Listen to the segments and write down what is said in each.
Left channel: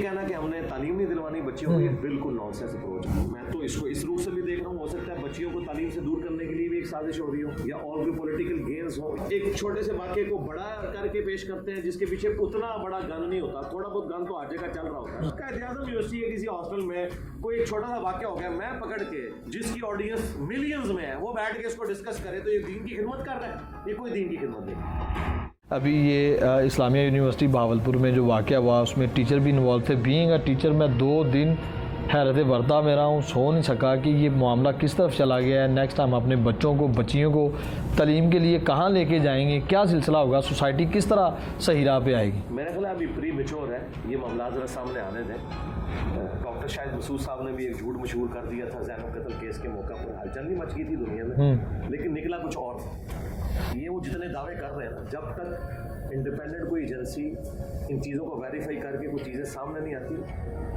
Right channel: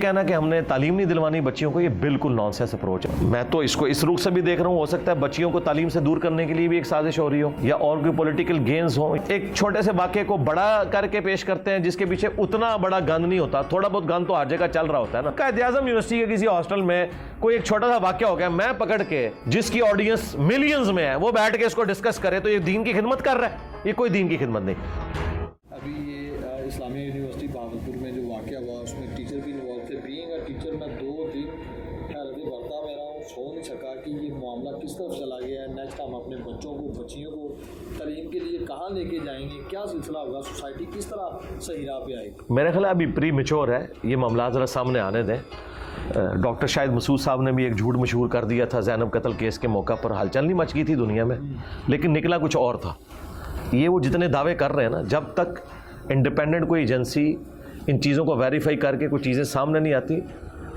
कहना कि हमने तालीम नहीं दिलवानी बच्चियों को, ये बिल्कुल नॉनसेंस अप्रोच है। मैं तो इसको इस रुख से भी देख रहा हूँ, हो सकता है बच्चियों को तालीम से दूर करने के लिए भी एक साजिश हो रही हो या और कोई पॉलिटिकल गेन्स हो। एक छोटे से वाक्य को बड़ा करके पेश करते हैं जिसके पीछे उतना बड़ा गंद नहीं होता, थोड़ा बहुत गंद तो हर जगह चल रहा होता है ना। कायद-ए-आज़म यूनिवर्सिटी के किसी हॉस्टल में कोई एक छोटा सा वाक्य हो गया, मैं पकड़ के जिसकी ऑडियंस मिलियंस में है वो बैठ के इसको डिस्कस करे तो ये दीन की खिदमत कर रहा है, ये कोई दीन की खिदमत नहीं। अभी ये इस्लामिया यूनिवर्सिटी बहावलपुर में जो वाक़या हुआ उसमें टीचर भी इन्वॉल्व थे। बीइंग अ टीचर मैं 2 दिन हैरत वर्दा में रहा हूँ, सो नहीं सका कि ये मामला किस तरफ चला गया है। नेक्स्ट हम अपने बच्चों को बच्चियों को तालीम के लिए कहाँ लेके जाएंगे, क्या सिलसिला होगा, सोसाइटी किस तरह सही राह पे आएगी। मेरे ख्याल अभी प्री मेच्योर है, ये मामला ज़रा सामने आने दें। डॉक्टर शाहिद मसूद साहब ने भी एक झूठ मशहूर कर दिया था ज़ैनब कत्ल केस के मौका पर, हलचल नहीं मच गई थी दुनिया में, लेकिन निकला कुछ और था। ये वो जितने दावे कर रहे हैं ना, जब तक इंडिपेंडेंट कोई एजेंसी इन चीज़ों को वेरीफाई करके कोई चीज़ें सामने नहीं आती,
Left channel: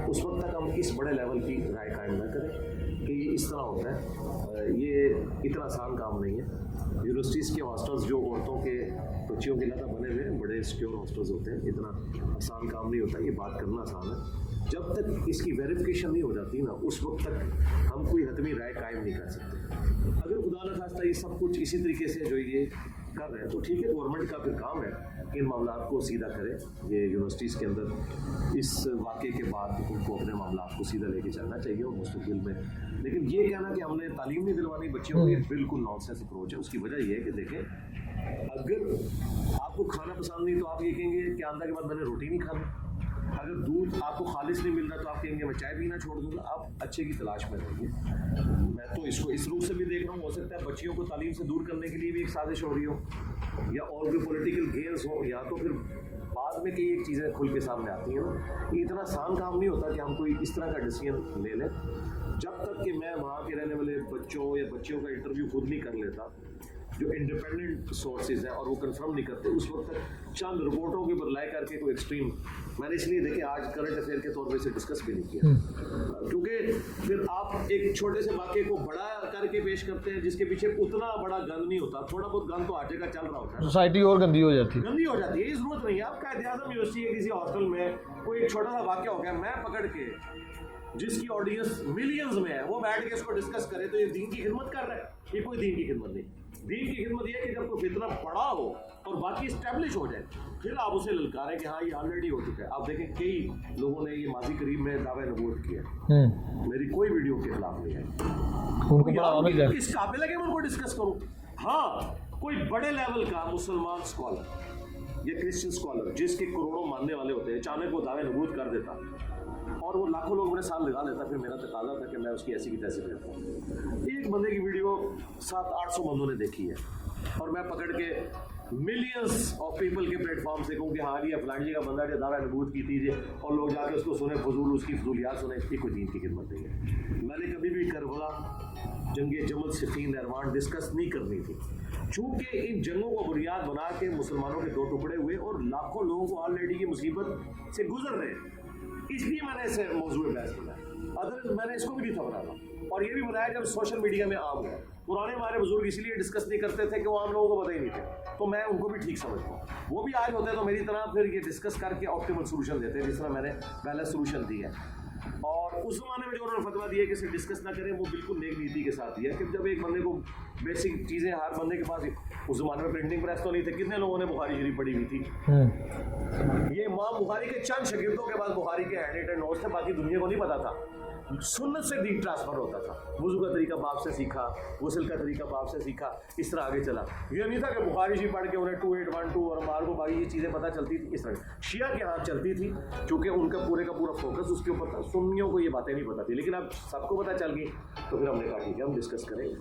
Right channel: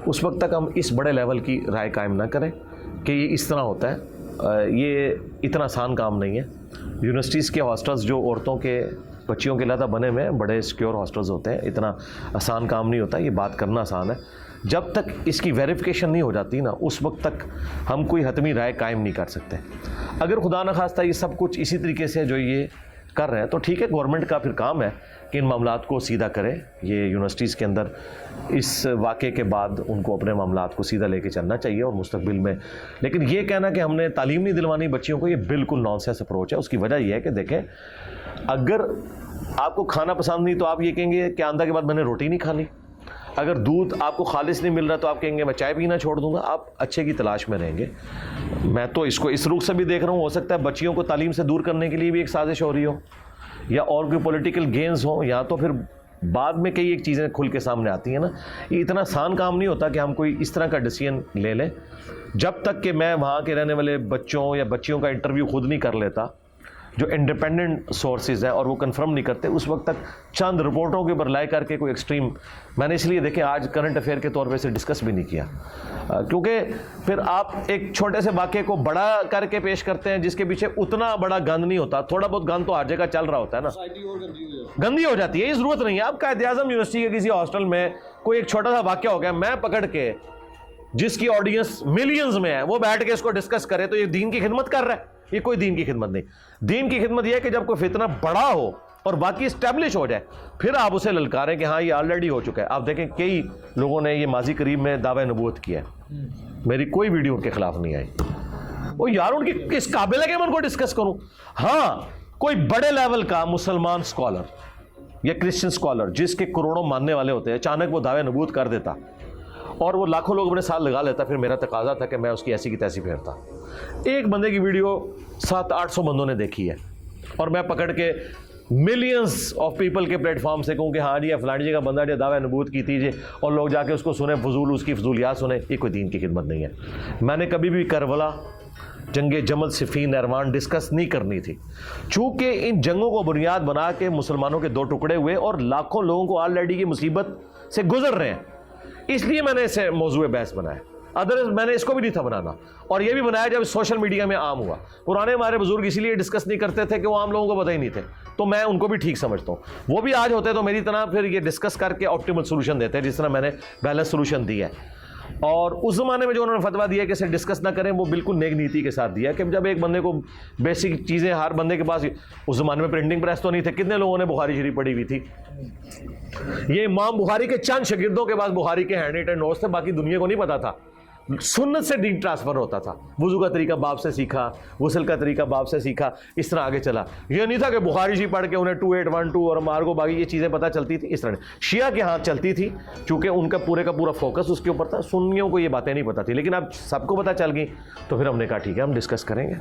उस वक्त तक हम इस बड़े लेवल की राय कायम ना करें कि ये इस तरह होता है। ये इतना आसान काम नहीं है। यूनिवर्सिटीज़ के हॉस्टल्स जो औरतों के बच्चियों के लिए बने हुए हैं, बड़े सिक्योर हॉस्टल्स होते हैं, इतना आसान काम नहीं होता। ये बात करना आसान है, जब तक इसकी वेरिफिकेशन नहीं हो जाती ना, उस वक्त तक हम कोई हतमी राय कायम नहीं कर सकते। अगर खुदा न खास्ता ये सब कुछ इसी तरीके से जो ये कर रहे हैं तो ठीक है, गवर्नमेंट का फिर काम है कि इन मामलात को सीधा करे। ये यूनिवर्सिटीज़ के अंदर इस वाक़े के बाद उनको अपने मामलात को सीधा लेके चलना चाहिए और मुस्तकबिल में। लेकिन ये कहना कि हमने तालीम नहीं दिलवानी बच्चियों को, ये बिल्कुल नॉनसेंस अप्रोच है। उसकी वजह यह है कि देखें, अगर आपको खाना पसंद नहीं तो आप ये कहेंगे कि आंदा के बाद मैंने रोटी नहीं खानी। अगर दूध आपको खालिस नहीं मिल रहा तो आप कहेंगे मैं चाय पीना छोड़ दूंगा। आप अच्छे की तलाश में रहेंगे। मैं तो इसको इस रुख से भी देख रहा हूँ, हो सकता है बच्चियों को तालीम से दूर करने के लिए भी एक साजिश हो रही हो या और कोई पॉलिटिकल गेन्स हो, या तो फिर बाद में कई एक चीज़ें खुल के सामने आती हैं ना। ये इतना आसान काम नहीं होता कि हम कोई इस तरह का डिसीजन ले लें। जब तक कि मैं वहाँ के रहने वाले बच्चों या बच्चियों का इंटरव्यू खुद नहीं कर लेता, जो इंडिपेंडेंट सोर्सेज हैं, और वो कंफर्म नहीं करते, उस वक्त तक चंद रिपोर्टों के ऊपर लाई करके कोई एक्सट्रीम, मैंने इसलिए देखे आज करंट अफेयर के तौर पे इसे डिस्कस भी नहीं किया, क्योंकि फिर आप एक छोटे से वाक़े को बड़ा करके पेश करते हैं जिसके पीछे उतना बड़ा गंद नहीं होता, थोड़ा बहुत गंद तो हर जगह चल रहा होता है ना। सोसाइटी और गंदी हो जाती है। ये ज़रूरत नहीं है। अब कायद-ए-आज़म यूनिवर्सिटी के किसी हॉस्टल में कोई एक छोटा सा वाक़या हो गया, मैं पकड़ के जिसकी ऑडियंस मिलियंस में है वो बैठ के इसको डिस्कस करे तो ये दीन की खिदमत कर रहा है, ये कोई दीन की खिदमत नहीं। दीन की खिदमत यह है कि जब कोई फितना बड़ा हो और बाकी स्टैब्लिश हो जाए, फिर आप उसे ललकारें कि हाँ ये ऑलरेडी हो चुका है। आप देखें कई लोगों ने ये माजी करीब में दावा नबूवत किया है, मेरी कोई वीडियो उनके खिलाफ नहीं आई। वो यार उनकी किस काबिल है कि मैं उनको डिस्कस करूं। हाँ, कोई बड़े लेवल का मुसलमान स्कॉलर या क्रिश्चियन स्कॉलर जिसके करोड़ों मानने वाले होते हैं, अचानक वो दावे नबूवत कर देता और वो लाखों लोग अपने साथ लगा लेता, फिर मेरा तकाजा था कि मैं उसकी ऐसी की तैसी फेरता। एक बंदे की वीडियो 700-800 बंदों ने देखी है और मैं पकड़ के मिलियंस ऑफ पीपल के प्लेटफॉर्म से कहूँ कि हाँ जी फलानी जगह बंदा जो दावा नबूवत की थी जी, और लोग जाके उसको सुने, फजूल उसकी फजूलियात सुने, ये कोई दीन की खिदमत नहीं है। मैंने कभी भी करबला, जंगे जमल, सिफीन, नरवान डिस्कस नहीं करनी थी, चूँकि इन जंगों को बुनियाद बना के मुसलमानों के 2 टुकड़े हुए और लाखों लोगों को ऑलरेडी की मुसीबत से गुजर रहे हैं, इसलिए मैंने इसे मौजूए बहस बनाया। अदरवाइज मैंने इसको भी नहीं था बनाना, और ये भी बनाया जब सोशल मीडिया में आम हुआ। पुराने हमारे बुजुर्ग इसीलिए डिस्कस नहीं करते थे कि वो आम लोगों को पता ही नहीं थे, तो मैं उनको भी ठीक समझता हूँ। वो भी आज होते तो मेरी तरह फिर ये डिस्कस करके ऑप्टिमल सोल्यूशन देते हैं, जिस तरह मैंने बैलेंस सोल्यूशन दिया है। और उस ज़माने में जो उन्होंने फतवा दिया कि इसे डिस्कस ना करें, वो बिल्कुल नेक नीति के साथ दिया कि जब एक बंदे को बेसिक चीज़ें हर बंदे के पास, उस ज़माने में प्रिंटिंग प्रेस तो नहीं थे, कितने लोगों ने बुखारी शरीफ पढ़ी हुई थी। ये इमाम बुखारी के चंद शागिर्दों के पास बुखारी के हैंड रिटन नोट्स थे, बाकी दुनिया को नहीं पता था। सुन्नत से दीन ट्रांसफर होता था, वुजू का तरीका बाप से सीखा, गुस्ल का तरीका बाप से सीखा, इस तरह आगे चला। ये नहीं था कि बुखारी जी पढ़ के उन्हें 2812 और मार्गो बागी ये चीज़ें पता चलती थी। इस तरह शिया के हाथ चलती थी, चूँकि उनका पूरे का पूरा फोकस उसके ऊपर था। सुन्नियों को ये बातें नहीं पता थी, लेकिन अब सबको पता चल गई, तो फिर हमने कहा ठीक है हम डिस्कस करेंगे।